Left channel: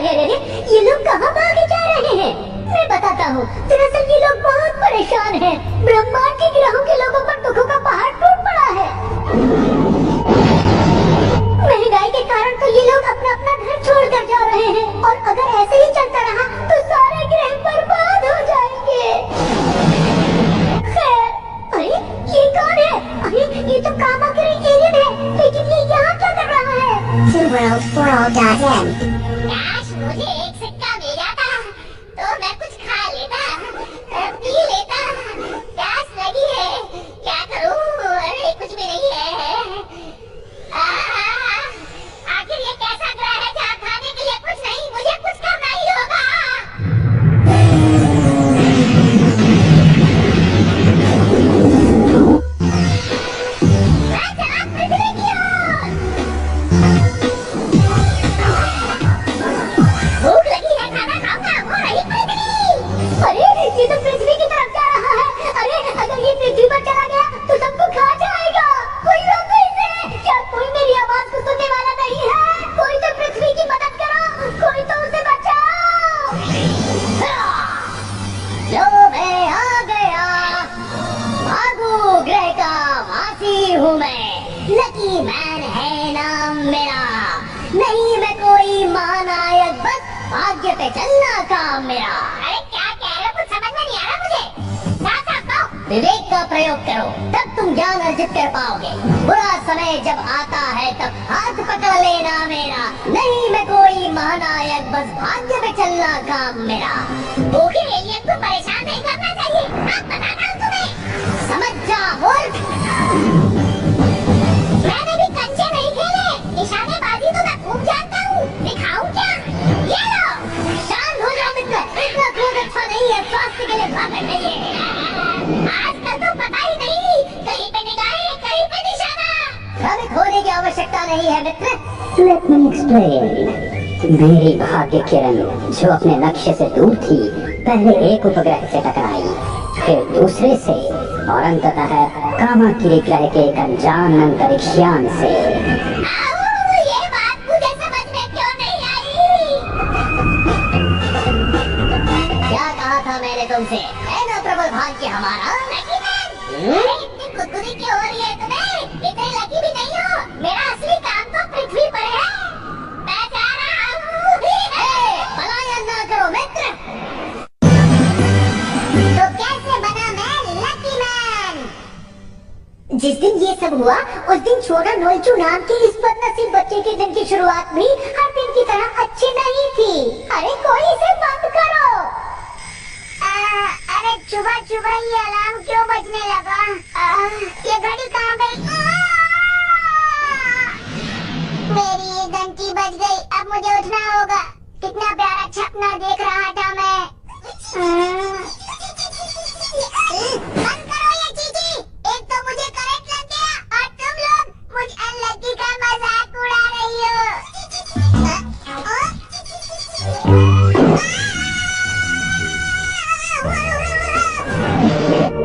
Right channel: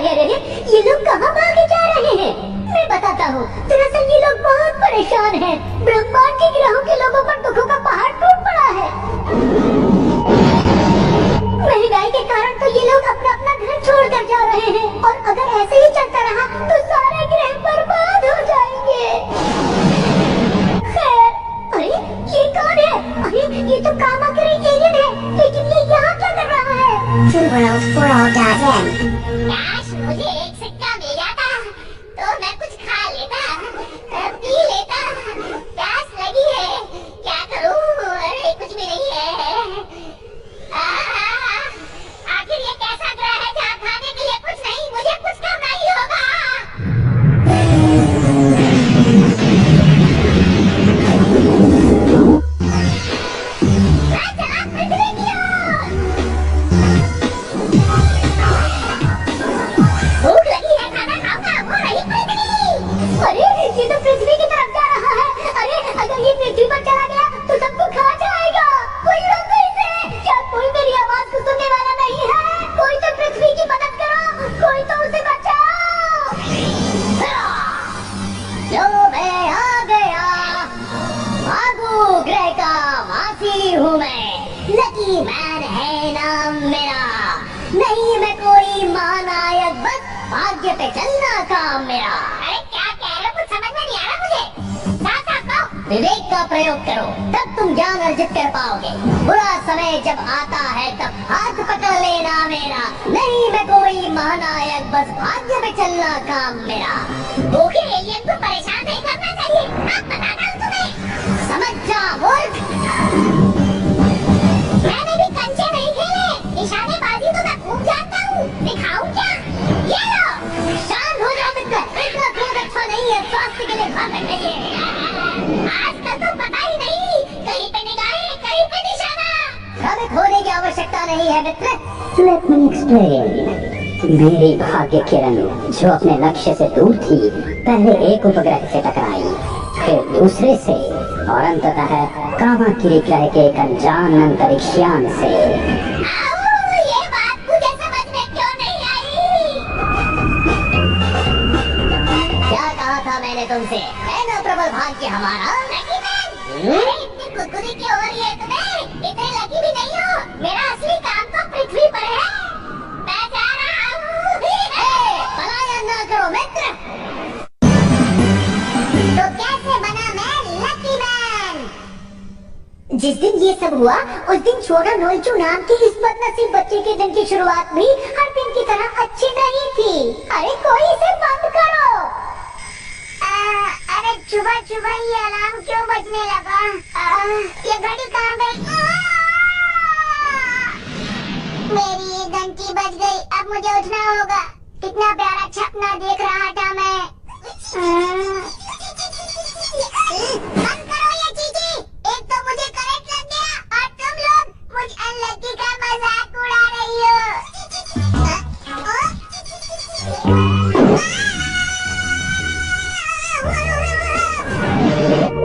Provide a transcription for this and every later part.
अरे अरे अरे, ये लोग कहाँ भागे जा रहे हैं? मैं बताता हूँ, दरअसल ये लोग बहुत परेशान हैं। ब्रह्मांड के ग्रहों के लोगों पर दुखों का पहाड़ टूट पड़ा है। महंगाई के कारण तो ये लोग अपना अपना घर छोड़कर जा रहे हैं, और अगर ऐसे ही चलता रहा तो सारे ग्रह बर्बाद हो जाएंगे। खैर, अरे ये कौन है? अरे ये तो कामाकरी एलियन है, लेकिन ये यहाँ क्या कर रहा है? काश मुझे एक सिक्का मिल जाता तो मैं कुछ खा लेता, पी लेता। प्यास लगी है, क्या करूं? अरे कुछ भी नहीं है। आखिर ये कैसा ग्रह है जहाँ खाने के लिए कुछ नहीं? मुझे कुछ करना ही होगा। मैं चला पृथ्वी की ओर। भूख लगी है, खाना खाऊंगा। वो रही पृथ्वी। अरे ये तो पृथ्वी की तरफ जा रहा है। अरे अगर ये पृथ्वी पर चला गया तो सबको खा जाएगा। कोई रोको इसे। क्या कोई मेरी आवाज को सुनने वाला नहीं है? कोई तो पृथ्वी की मदद करो, कोई तो उसे बचाओ। लो मैं आ गया, भागो ग्रह का वासी हूँ मैं। लकी मैन है नाम मेरा, नहीं मैं कोई महानायक, बस भाग्य पे चलना काम मेरा। अरे क्या कह रहे हो? कुछ समझ में नहीं आ रहा मुझे। साफ साफ कहो। विवेक का प्रयोग करो, तब तुम ज्ञान अर्जित कर पाओगे। बुरा समय जब आता है तब हाथ पकड़ लेना मेरा, नहीं मैं कोई महानायक, बस भाग्य पे चलना काम मेरा। भूखे एलियन को परेशान नहीं करना चाहिए। अब बताता हूँ तुम्हें। समझ जा मूर्ख। मैंने भी कंचे नहीं खेले, निशानेबाजी तो मैं खूब जानता हूँ। दिखाऊं क्या? ये लो। शांत हो जाओ मित्र, इतना क्रोध अच्छा नहीं है, स्वास्थ्य के लिए घातक नहीं है। आजकल तो पता ही नहीं, कहीं पे निगाहें, कहीं पे निशाना। भ्रमित होने की आवश्यकता नहीं है मित्र। Let me explain. मेरी भाग्य किरण जो अपने लक्ष्य से दूर थी, पहले एक उपग्रह से टकराई, फिर दूसरे से, और अंततः कामाकिरी ग्रह के एक अनजान अंतरिक्षयान से। ये बात मुझे समझ में क्यों नहीं आई? क्या कहा था मैंने तुमसे? है ना प्रबल भाग्य हमारा? लकी मैन, अरे इतनी गुदगुदी क्यों हो रही है तुम्हें? इतने लकी भी नहीं हो। मेरा असली काम तो पृथ्वी पर है। मैं जा रहा हूँ। पलायन ना करो मित्र। तो कैसे बना मैं लकी मैन? जिस दिन ये सब हुआ उस दिन छोटा नोल्चू नाम के इस बदनसीब बच्चे के दिन की शुरुआत भी हर दिन की तरह अच्छी नहीं थी। अरे कोई इसे बंद करो। अरे सुबह सुबह ये अलार्म क्यों बजने लगा? ये घड़ी कहाँ गई? मेरी ये घंटी बज गई। अब मुझे उठना होगा। कितना प्यारा सपना देख रहा था मैं। बंद करो ये चीची। एक तो मुझे करंट लग गया और तुम लोग मुझ अनलकी का मजाक उड़ा रही हो।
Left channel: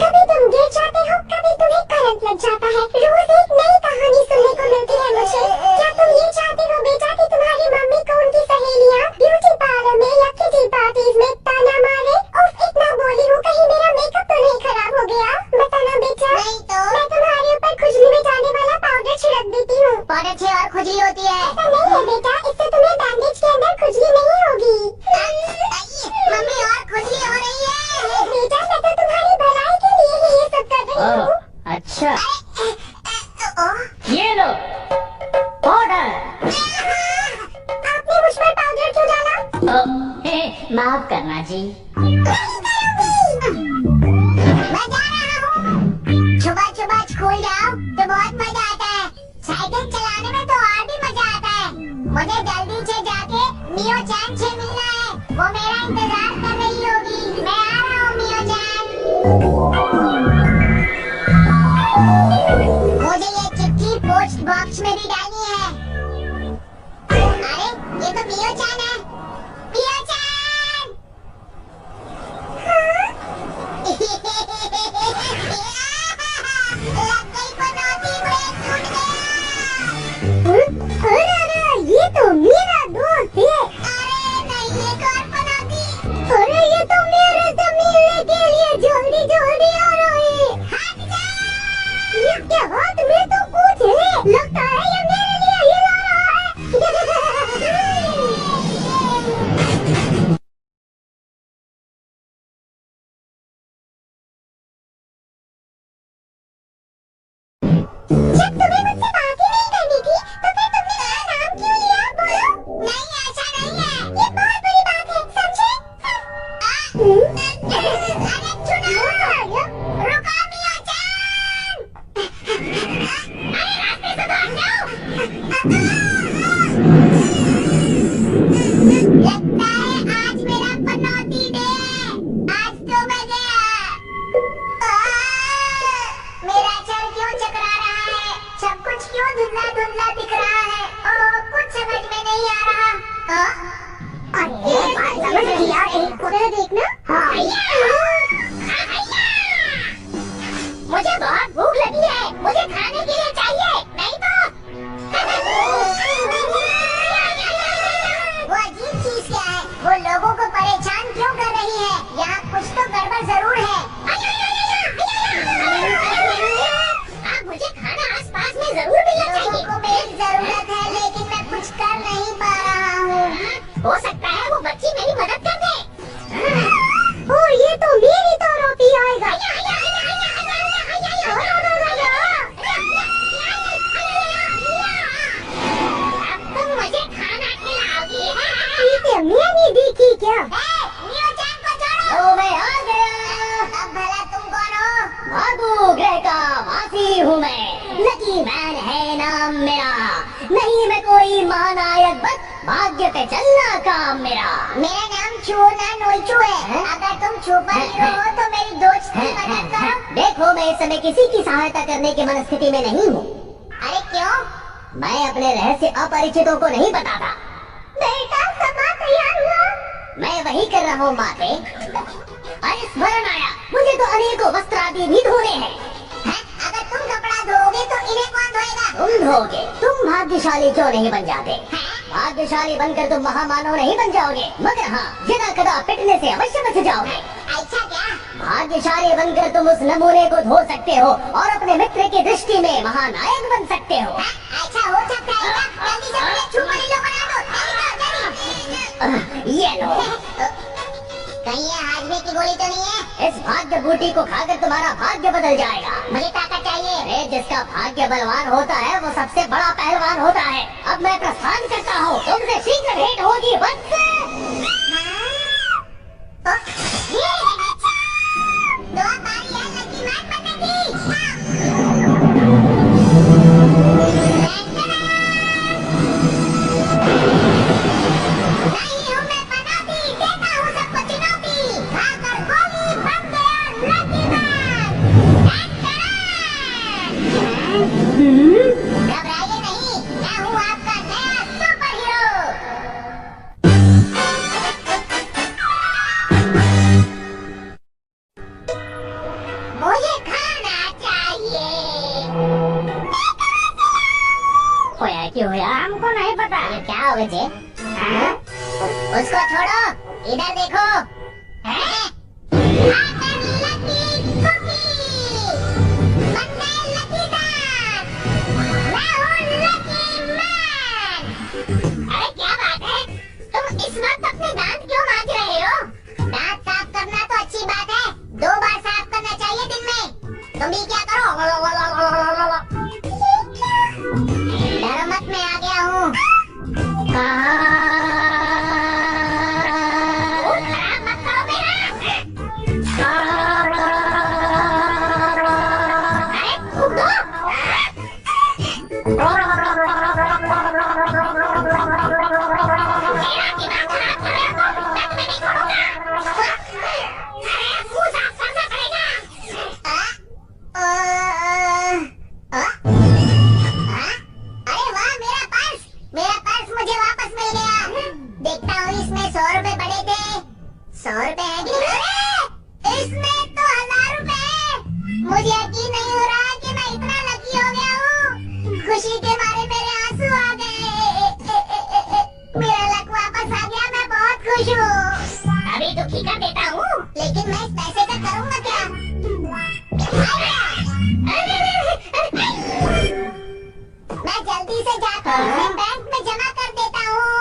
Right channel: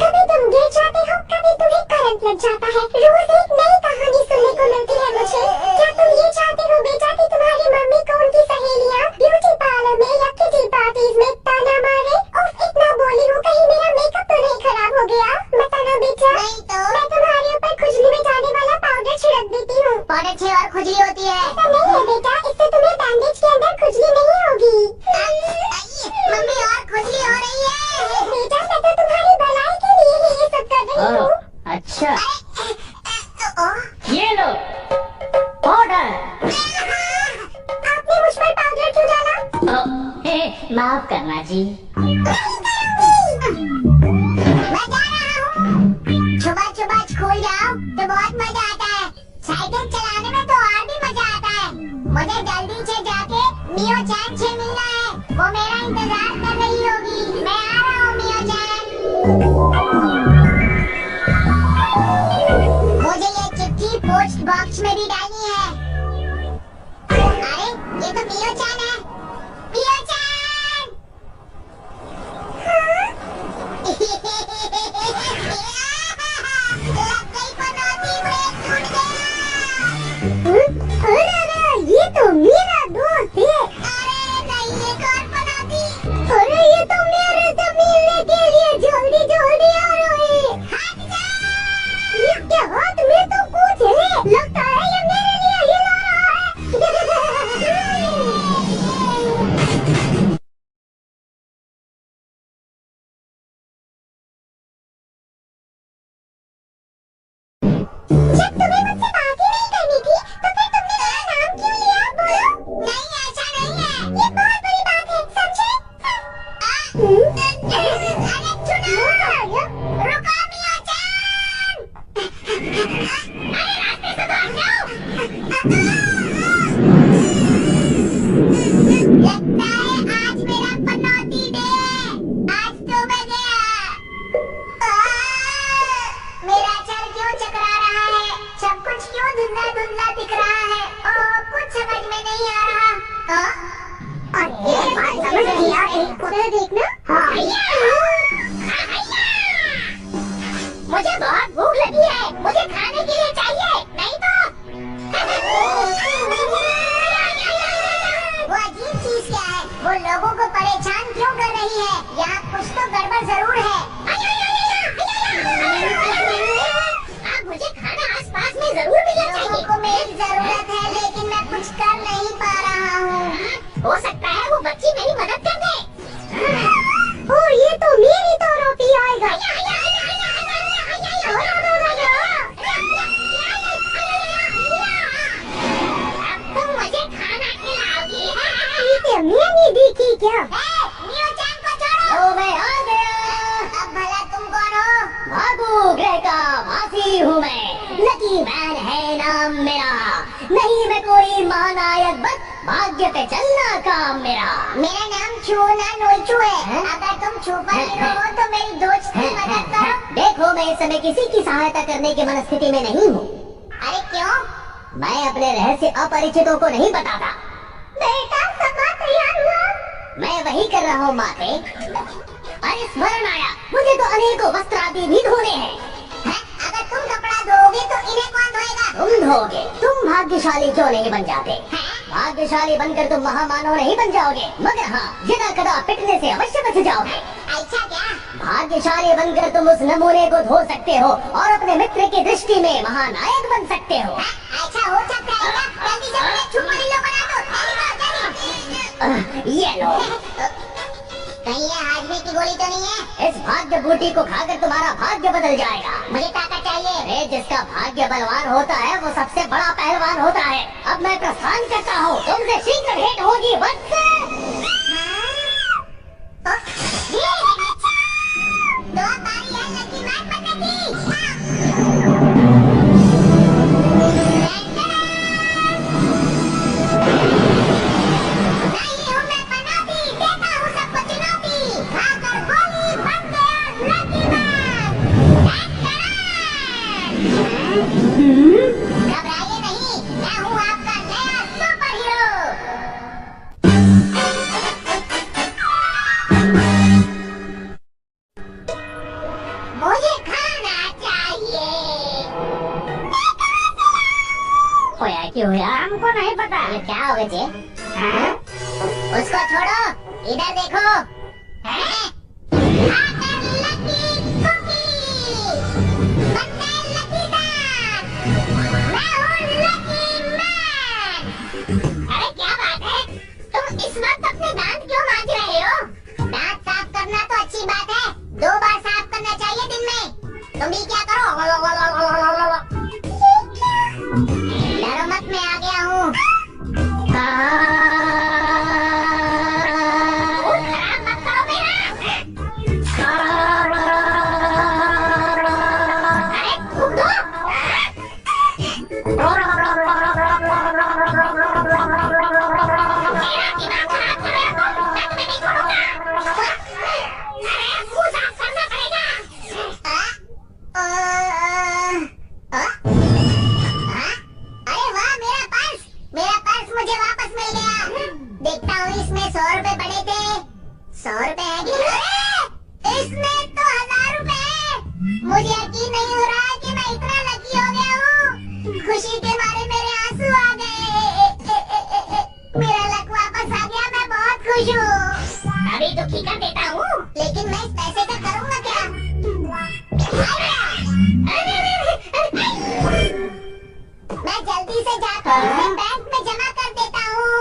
कभी तुम गिर जाते हो, कभी तुम्हें करंट लग जाता है। रोज एक नई कहानी सुनने को मिलती है मुझे। क्या तुम ये चाहते हो बेटा कि तुम्हारी मम्मी को उनकी सहेलियाँ ब्यूटी पार्लर में या किटी पार्टीज में ताना मारे? उफ, इतना बोली हूँ, कहीं मेरा मेकअप तो नहीं खराब हो गया? बताना बेटा। नहीं तो मैं तुम्हारे ऊपर खुजली मिटाने वाला पाउडर छिड़क देती हूँ। पाउडर से और खुजली होती है। ऐसा नहीं है बेटा, इससे तुम्हें बैंडेज के अंदर खुजली नहीं होगी। मम्मी और खुजली हो रही है। बेटा मैं तो तुम्हारी भलाई के लिए ही ये सब कर रही हूँ। अच्छा, ये लो पाउडर। आपने मुझ पर पाउडर क्यों डाला? माफ करना जी। मैं जा रहा हूँ। सुबह सुबह स्कूल जाओ तो बहुत मजा आता है। साइकिल चलाने में तो और भी मजा आता है। मुझे जल्दी से जाके मियो चैन से मिलना है। वो मेरा इंतजार कर रही होगी। मैं आ रहा हूँ मियो चैन। मुझे ये चिट्ठी पोस्ट बॉक्स में भी डालनी है। अरे ये तो मियो चैन है। मियो चैन। लग गई पनौती, ब्रेक टूट गया। अरे ये तो मेरा दोस्त है। अरे और ये बात समझ नहीं आ रही। जरा देखना। हाँ। मुझे बहुत भूख लगी है, मुझे खाने के लिए चाहिए, नहीं तो। वो अजीब चीज क्या है? वो लोगों को परेशान क्यों कर रही है? यहाँ कुछ तो गड़बड़ जरूर है। अब मुझे खाना आसपास में जरूर मिलना चाहिए। लोगों को मेरी जरूरत है, लेकिन मैं कुछ कर नहीं पा रहा हूँ। हो सकता है वो बच्ची मेरी मदद कर दे। ओ ये तो मेरी तरफ ही आएगा। अब तुम मुझे खाना खिलाओगी। ये मैंने देखी क्या? मियो-चान को छोड़ो। ओ मैं आ गया। अब भला तुम कौन हो? भागो ग्रह का वासी हूँ मैं, लकी मैन है नाम मेरा, नहीं मैं कोई महानायक बस भाग्य पे चलना काम मेरा। मेरा नाम छूना नोइचू है। अगर तुम सुपर हीरो हो तो मेरी दोस्त की मदद करो। देखो मैं इस समय किसी की सहायता करने की मनस्थिति में नहीं हूँ। अरे क्यों? मैं अपने रहस्य अपरिचितों को नहीं बताता। बेटा सभा तैयार हुआ। मैं वही कर रहा हूँ माते। अरे स्मरण आया, मुझे तो अनेकों वस्त्र आदि भी धोने हैं। अगर तुम कपड़ा धोगे तो इन्हें कौन धोएगा? तुम धोगे? तुम भाग्यशाली क्यों नहीं बन जाते? भाग्यशाली बनकर तुम महामानव नहीं बन जाओगे, मगर हाँ यदा कदा पिटने से अवश्य बच जाओगे। ऐसा क्या? भाग्यशाली बनकर तुम उस नमूने को धो सकते हो और अपने मित्र की दृष्टि में महानायक बन सकते हो। ऐसा हो सकता है क्या? जल्दी से मुझे सुपर हीरो बना दो। जल्दी। ये लो। कहीं ये हाजमे की गोली तो नहीं है? इस भाग्य बूटी को खाकर तुम्हारा भाग्य बदल जाएगा। मुझे ताकत चाहिए। अरे जिसका भाग्य बलवान होता है वो सबसे बड़ा पहलवान होता है। अब मैं प्रस्थान करता हूँ, तुमसे शीघ्र भेंट होगी बस। दो बारी है लकी मैन बनने की। नहीं हूँ मैं पनौती, देता हूँ सबको चुनौती। खाकर गोली बन गया लकी मैन। घबराइए नहीं, मैं हूँ आपका नया सुपर हीरो। मुझे खाना चाहिए। होया क्यों होया हमको नहीं पता। ये क्या होगा जे? उसको छोड़ो, इधर देखो। आकर लकी कुकी, बनने लकी दांत। मैं हूँ लकी मैन। अरे क्या बात है? तुम इस वक्त अपने दांत क्यों मांज रहे हो? दांत साफ करना तो अच्छी बात है, 2 बार साफ करना चाहिए दिन में। तुम भी क्या करो? डरो मत, मैं आ गया हूँ। खराब मत करो मेरा। अरे थूक दो। मेरा दिमाग खराब कर रहे हो, मैं तुम्हें नहीं छोड़ूंगा। अरे मुंह साफ करना पड़ेगा। अरे वाह, मेरा पर्स मुझे वापस मिल गया। देखता हूँ इसमें 100 रुपए पड़े थे। 100 रुपए है कि नहीं? अरे इसमें तो 1000 रुपए है। मुझे यकीन नहीं हो रहा कि मैं इतना लकी हो गया हूँ। खुशी के मारे मेरे आंसू आ गए। मेरा लक वापस आ गया, मैं बहुत खुश हूँ। अभी तो खींचा देता हूँ, लेकिन मैं इस पैसे का करूँगा क्या? मैं जल्दी से जाता हूँ, बैंक में जमा कर देता हूँ।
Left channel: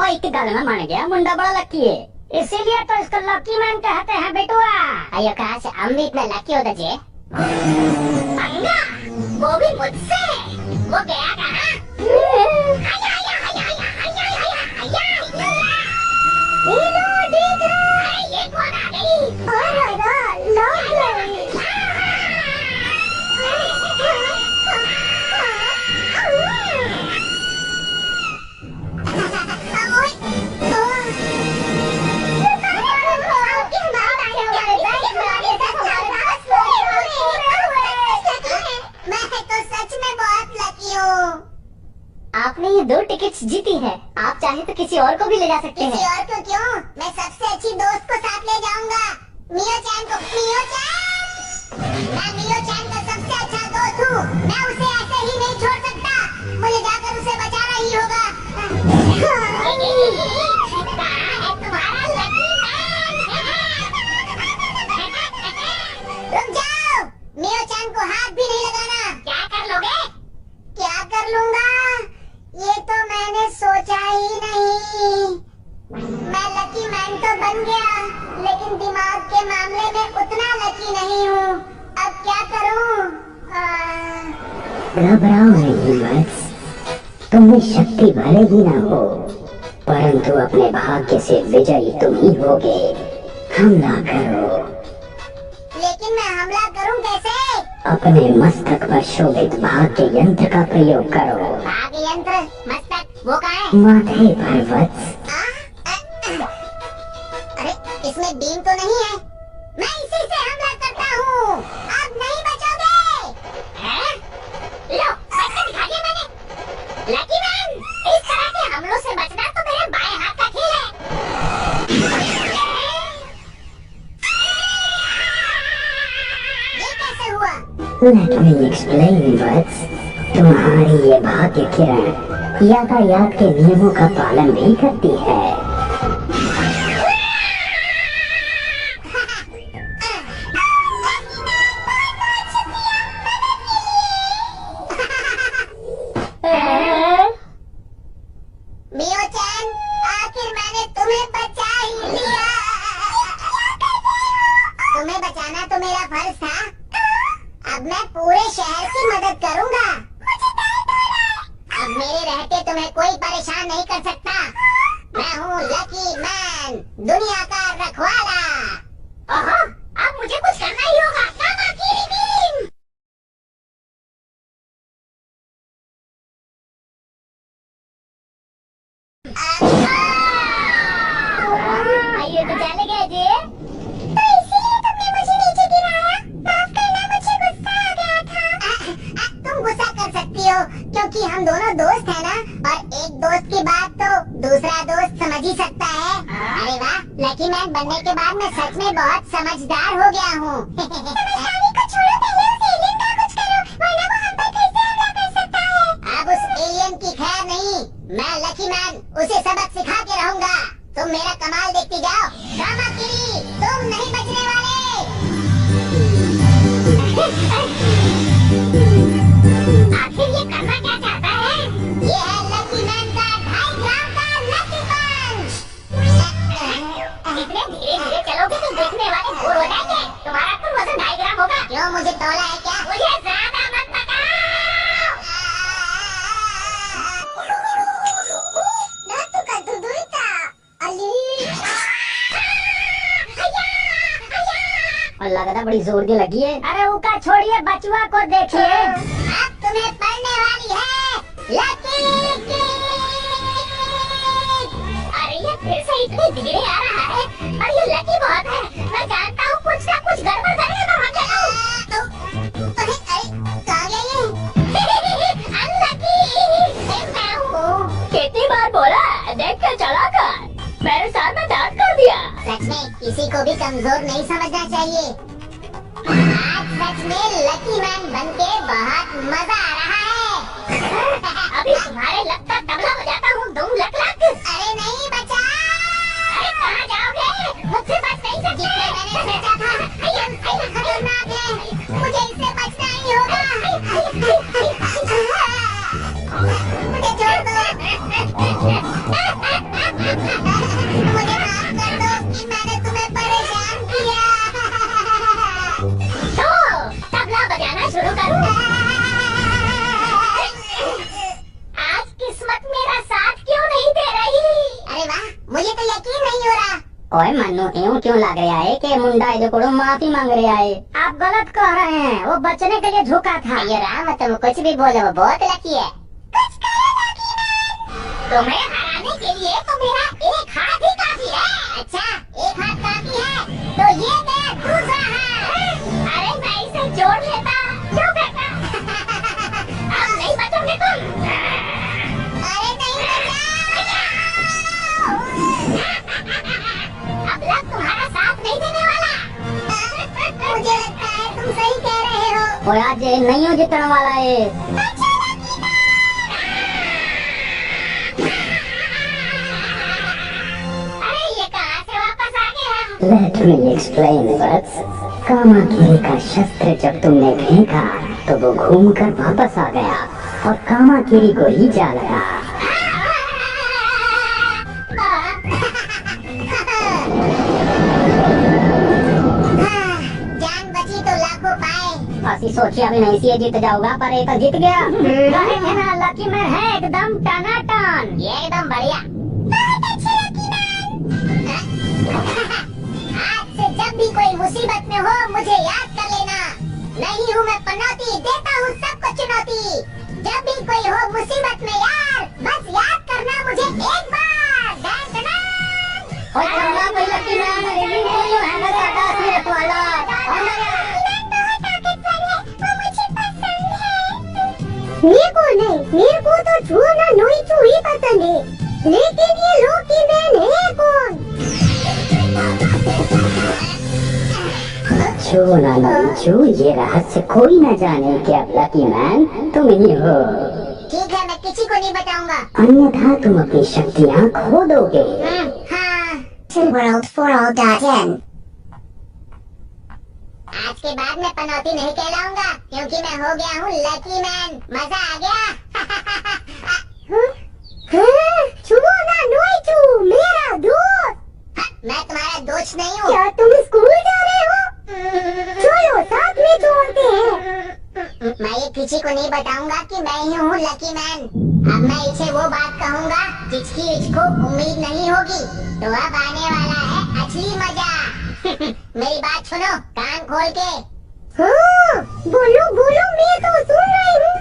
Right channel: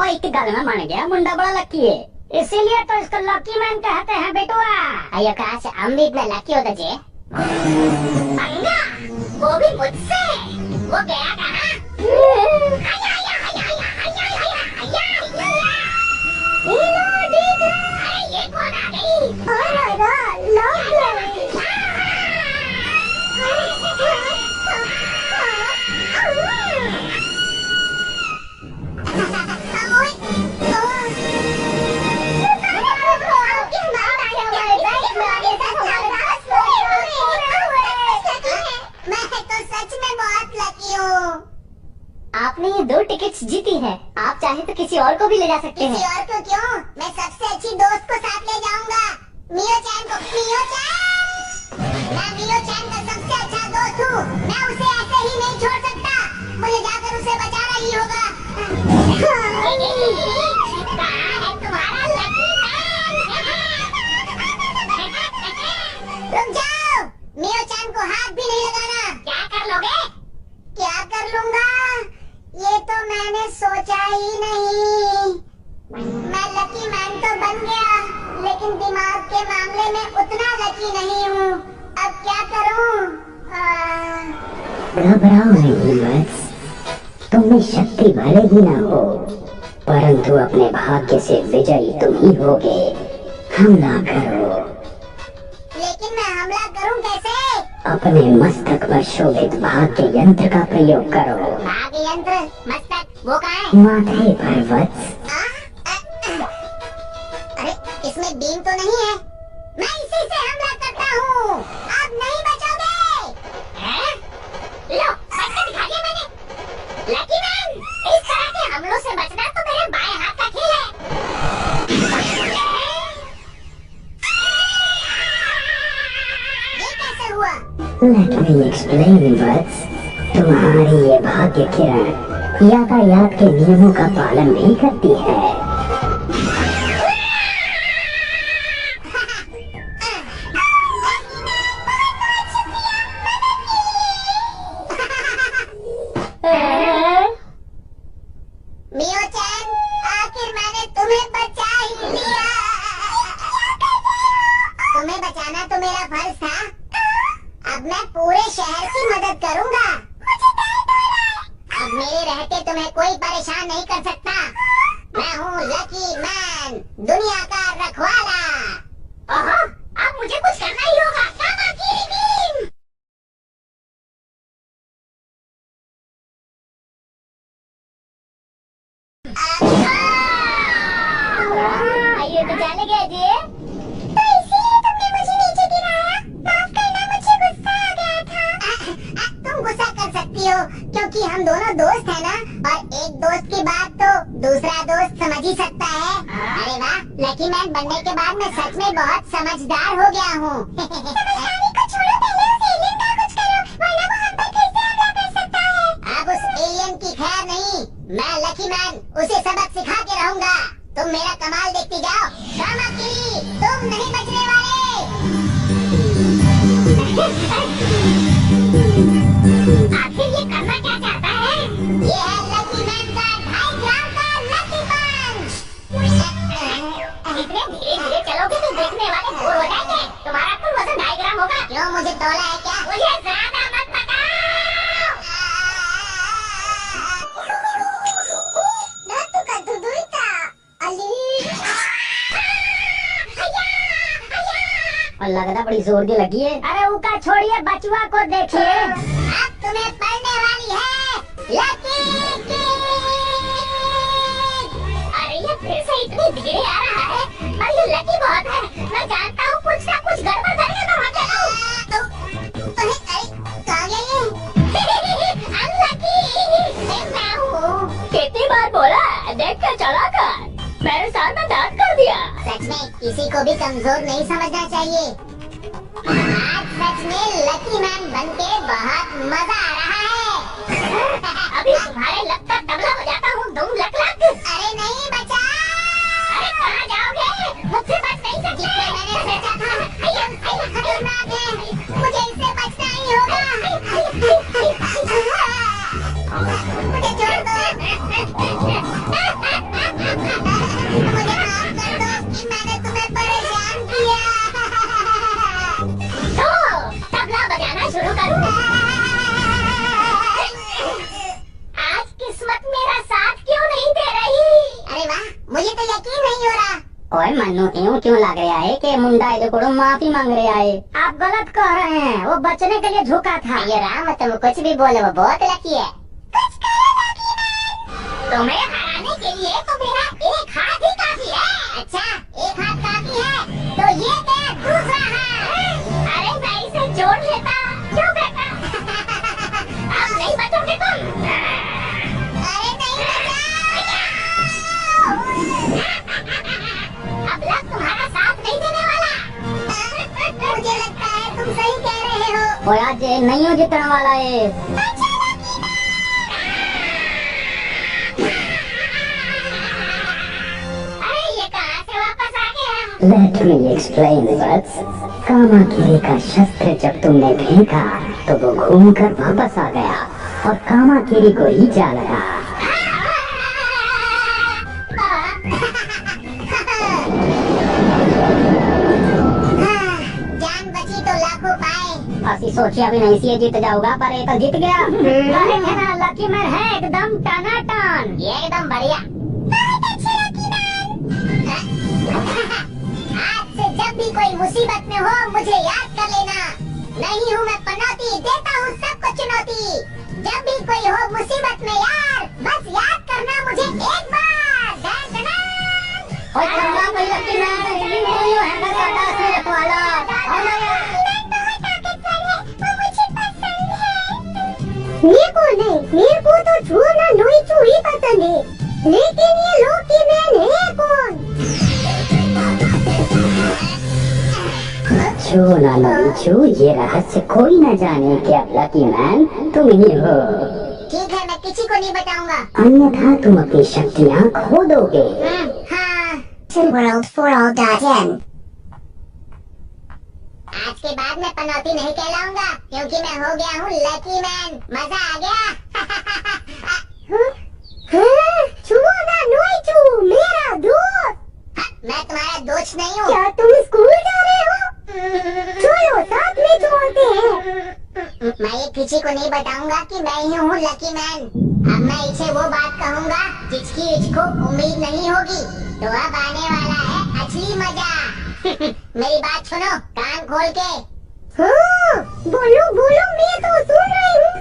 और एक गल में मान गया, मुंडा बड़ा लकी है, इसीलिए तो इसको लकी मैन कहते हैं बेटुआ। अयो कहाँ से हम भी इतना लकी होता जे? पंगा, वो भी मुझसे। वो गया कहाँ? अरे ये कौन आ गई? आपने ये 2 टिकट्स जीती है, आप चाहे तो किसी और को भी ले जा सकते किसी हैं। और को क्यों, मैं सबसे अच्छी दोस्त को साथ ले जाऊंगा, मियो चैन को। मियो चैन, मैं मियो चैन का सबसे अच्छा दोस्त हूँ, मैं उसे ऐसे ही नहीं छोड़ सकता, मुझे जाकर उसे बचाना ही होगा। कहाँ है तुम्हारा लकी मैन? रुक जाओ, मियो चैन को हाथ भी नहीं लगाना। क्या कर लोगे? क्या कर लूंगा, ये तो मैंने सोचा ही नहीं। मैं लकी मैन तो बन गया, लेकिन दिमाग के मामले में उतना लकी नहीं हूँ। अब क्या करूँ? घबराओ नहीं वत्स, तुम में शक्ति भले ही ना हो, परंतु अपने भाग्य से विजयी तुम ही होगे। हमला करो। लेकिन मैं हमला करूँ कैसे? अपने मस्तक पर शोभित भाग्य यंत्र का प्रयोग करो। भाग्य यंत्र? मस्तक वो कहाँ है? माथे पर वत्स। अरे इसमें बीम तो नहीं है, मैं इसी से हमला करता हूँ, अब नहीं बचोगे। लो बच के दिखा दिया मैंने। लकी मैन, इस तरह के हमलों से बचना तो मेरे बाएं हाथ का खेल है। ये कैसे हुआ? लेट मी एक्सप्लेन वत्स, तुम्हारी ये भाग्य किरण यातायात के नियमों का पालन नहीं करती है। मियो चैन, आखिर मैंने तुम्हें बचा ही लिया। तुम्हें बचाना तो मेरा फर्ज था, अब मैं पूरे शहर की मदद करूंगा। अब मेरे रहते तुम्हें कोई परेशान नहीं कर सकता। मैं हूँ लकी मैन, दुनिया का रखवाला। ओहो, अब मुझे कुछ करना ही होगा। कामाकीरी बीम। आइए तो चले गए जी। तो इसीलिए तुमने मुझे नीचे गिराया? माफ करना, मुझे गुस्सा आ गया था। तुम गुस्सा कर सकती हो क्योंकि हम दोनों दोस्त हैं ना, और एक दोस्त की बात तो दूसरा दोस्त समझ ही सकता है। अरे वाह, लकी मैन बनने के बाद मैं सच में बहुत समझदार हो गया हूँ। समझदारी को छोड़ो, पहले उस एलियन का कुछ करो, वरना वो हम पर फिर से हमला कर सकता है। अब उस एलियन की खैर नहीं, मैं लकी मैन उसे सबक सिखा के रहूंगा। तुम मेरा कमाल देखती जाओ। कामाकीरी, तुम नहीं बचने वाले। आखिर ये करना क्या चाहता है? ये है लकी मैन का 2.5 ग्राम का लकी पंच। इतने धीरे धीरे चलोगे तो देखने वाले बोर हो जाएंगे। तुम्हारा कुल वजन 2.5 ग्राम होगा। क्यों, मुझे तौला है क्या? मुझे ज्यादा मत बताओ। और लगता बड़ी जोर की लगी है। अरे उका छोड़िए, बचुआ को देखिए। अब तुम्हें पड़ने वाली है लकी किक। अरे ये फिर से इतनी धीरे आ रहा है, और ये लकी बहुत है। मैं जानता हूँ कुछ ना कुछ गड़बड़ करेगा तो भाग जाता हूँ। कहाँ गया ये? अनलकी मैं हूँ। कितनी बार बोला, देख के चला कर। मेरे साथ में डांट कर दिया। सच में किसी को भी कमजोर नहीं समझना चाहिए। आज सच में लकी मैन बनके बहुत मजा आ रहा है। अभी तुम्हारे लक का तबला बजाता हूँ, दुम लक लक। अरे नहीं बचा। अरे कहाँ जाओगे, मुझसे बच नहीं सकते। जितने मैंने सोचा था ये खतरनाक है, मुझे इससे बचना ही होगा। मुझे छोड़ दो। मुझे माफ कर दो कि मैंने तुम्हें परेशान किया। तो तबला बजाना शुरू करूँ? आज किस्मत मेरा साथ क्यों नहीं दे रही? अरे वाह, मुझे तो यकीन नहीं हो रहा। ओए मन्नू, यूं क्यों लग रहा है कि मुंडा इधर माफी मांग रहा है? आप गलत कह रहे हैं, वो बचने के लिए झुका था। ये राम, तुम कुछ भी बोलो, वो बहुत लकी है। तुम्हें हराने के लिए तो मेरा एक हाथ ही काफी है। अच्छा, एक हाथ काफी है, तो ये दे दूसरा हाथ। अरे मैं इसे जोड़ लेता। क्यों बेटा? अब नहीं बचोगे तुम। अरे और आज नहीं हो जितने वाला है। अरे ये कहाँ से वापस आ गया? Let me explain butts. Kamakiri का शस्त्र जब तुमने फेंका तो वो घूमकर वापस आ गया और कामाकिरी को ही जा लगा। जान बची तो लाखों पाए। असी सोचिया भी नहीं सी जीत जाऊंगा, पर ये तो जीत गया। है ना, लकी मैन है एकदम टनाटन। ये एकदम बढ़िया। बहुत अच्छे लकी मैन। आज से जब भी कोई मुसीबत में हो मुझे याद कर लेना। नहीं हूँ मैं पनौती, देता हूँ सबको चुनौती। जब भी कोई हो मुसीबत में यार, बस याद करना मुझे एक बार। Done done done. और चंगा कोई लकी मैन रिलीज कोई है ना सादा असली रखवाला। और मैं बहुत ताकतवर है, वो मुझे पसंद है। मेरे को नहीं, मेरे को तो छूना नोइचू ही पसंद है। लेकिन ये लकी मैन है कौन? छू ना नोइचू, ये रहस्य कोई न जाने कि अब लकी मैन तुम ही हो। ठीक है, मैं किसी को नहीं बताऊंगा। अन्यथा तुम अपनी शक्तियाँ खो दोगे। हाँ। World4all.in। आज के बाद मैं पनौती नहीं कहलाऊंगा क्योंकि मैं हो गया हूँ लकी मैन। मजा आ गया। छुओ ना नोइचू, मेरा दोस्त। मैं तुम्हारा दोस्त नहीं हूँ। क्या तुम स्कूल जा रहे हो? चलो साथ में छोड़ते हैं। मैं ये किसी को नहीं बताऊंगा कि मैं ही हूँ लकी मैन। अब मैं इसे वो बात कहूँगा जिसकी इसको उम्मीद नहीं होगी। तो अब आने वाला है असली मजा। मेरी बात सुनो कान खोल के। हाँ, बोलो बोलो, मैं तो सुन रही हूँ।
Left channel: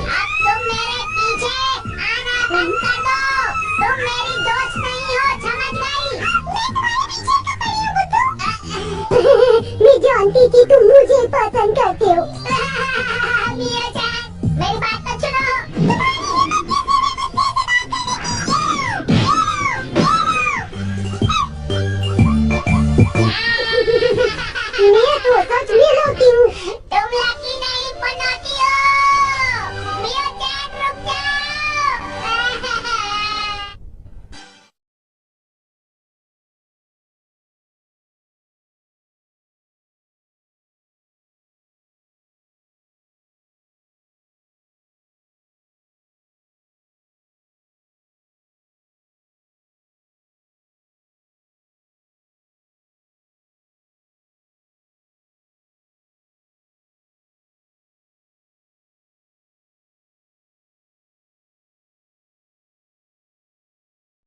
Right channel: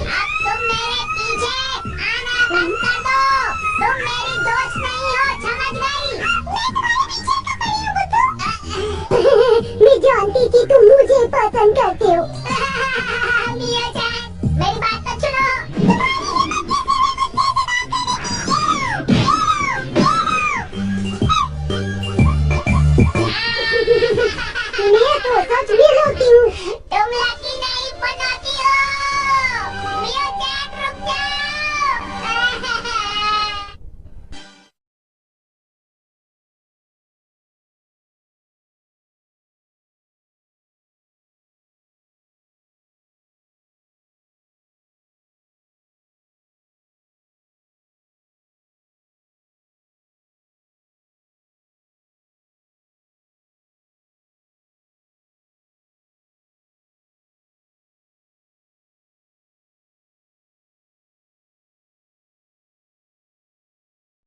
अब तुम मेरे पीछे आना बंद कर दो। तुम मेरी दोस्त नहीं हो, समझ गई? मैं तुम्हारे पीछे क्यों पड़ी हूँ बुद्धू? मैं जानती थी तुम मुझे पसंद करते हो।